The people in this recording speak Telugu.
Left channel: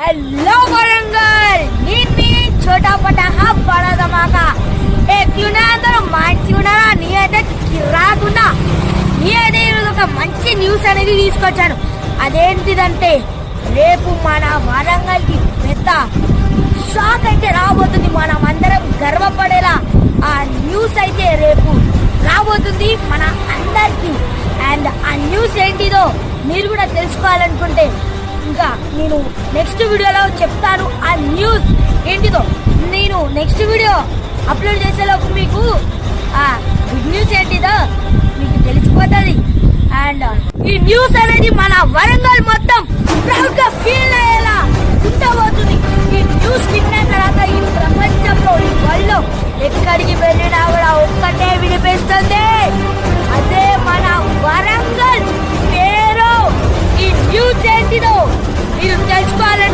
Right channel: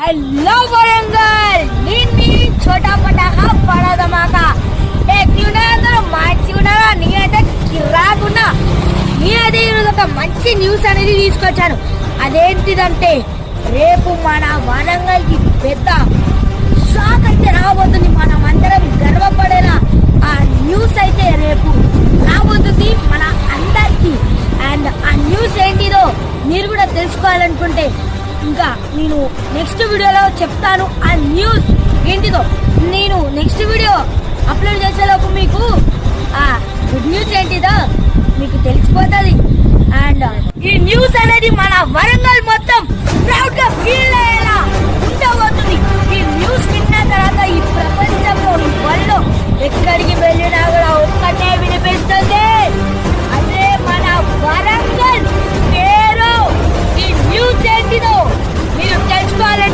हेलो वरंगल नी छोटा पटाखा बड़ा धमाका అందరూ మంచిగున్నారా నేనైతే కిరాకున్నా నేనైతే ఈరోజు ఒక మంచి న్యూస్ అనేది తీసుకొచ్చాను. అదేంటిదంటే రేపు మన వరంగల్ కి పెద్ద షాక్ అయితే రాబోతుంది. మనం అందరం గర్వపడేలా ఆ న్యూస్ అయితే రేపు రాబోతుంది మన అందరికి. అండ్ ఆ న్యూస్ ఏంటిదో మీరు కూడా తెలుసుకోవాలనుకుంటే ఇంకా నేను నెక్స్ట్ వీడియోలో చెప్తాను. ఆ న్యూస్ ఏంటిదో నేను నెక్స్ట్ వీడియో అప్లోడ్ చేసేలోపు మీకు ఆ గుడ్ న్యూస్ ఏంటిదో మీకు తెలిసిపోతుంది. అండ్ ఈ న్యూస్ అనేది మన వరంగల్ మొత్తం ప్రౌడ్ గా ఫీల్ అయ్యేలా ఉండబోతుంది. ఈ న్యూస్ విన్న తర్వాత ఈ ప్రపంచంలో ఈ వరల్డ్ లో ఎక్కడికి వెళ్ళినా కూడా ఒక్కటే వినిపిస్తుంది, అదే మన వరంగల్ పేరు. ఈ న్యూస్ ఏంటిదో మీరు తెలుసుకోవాలంటే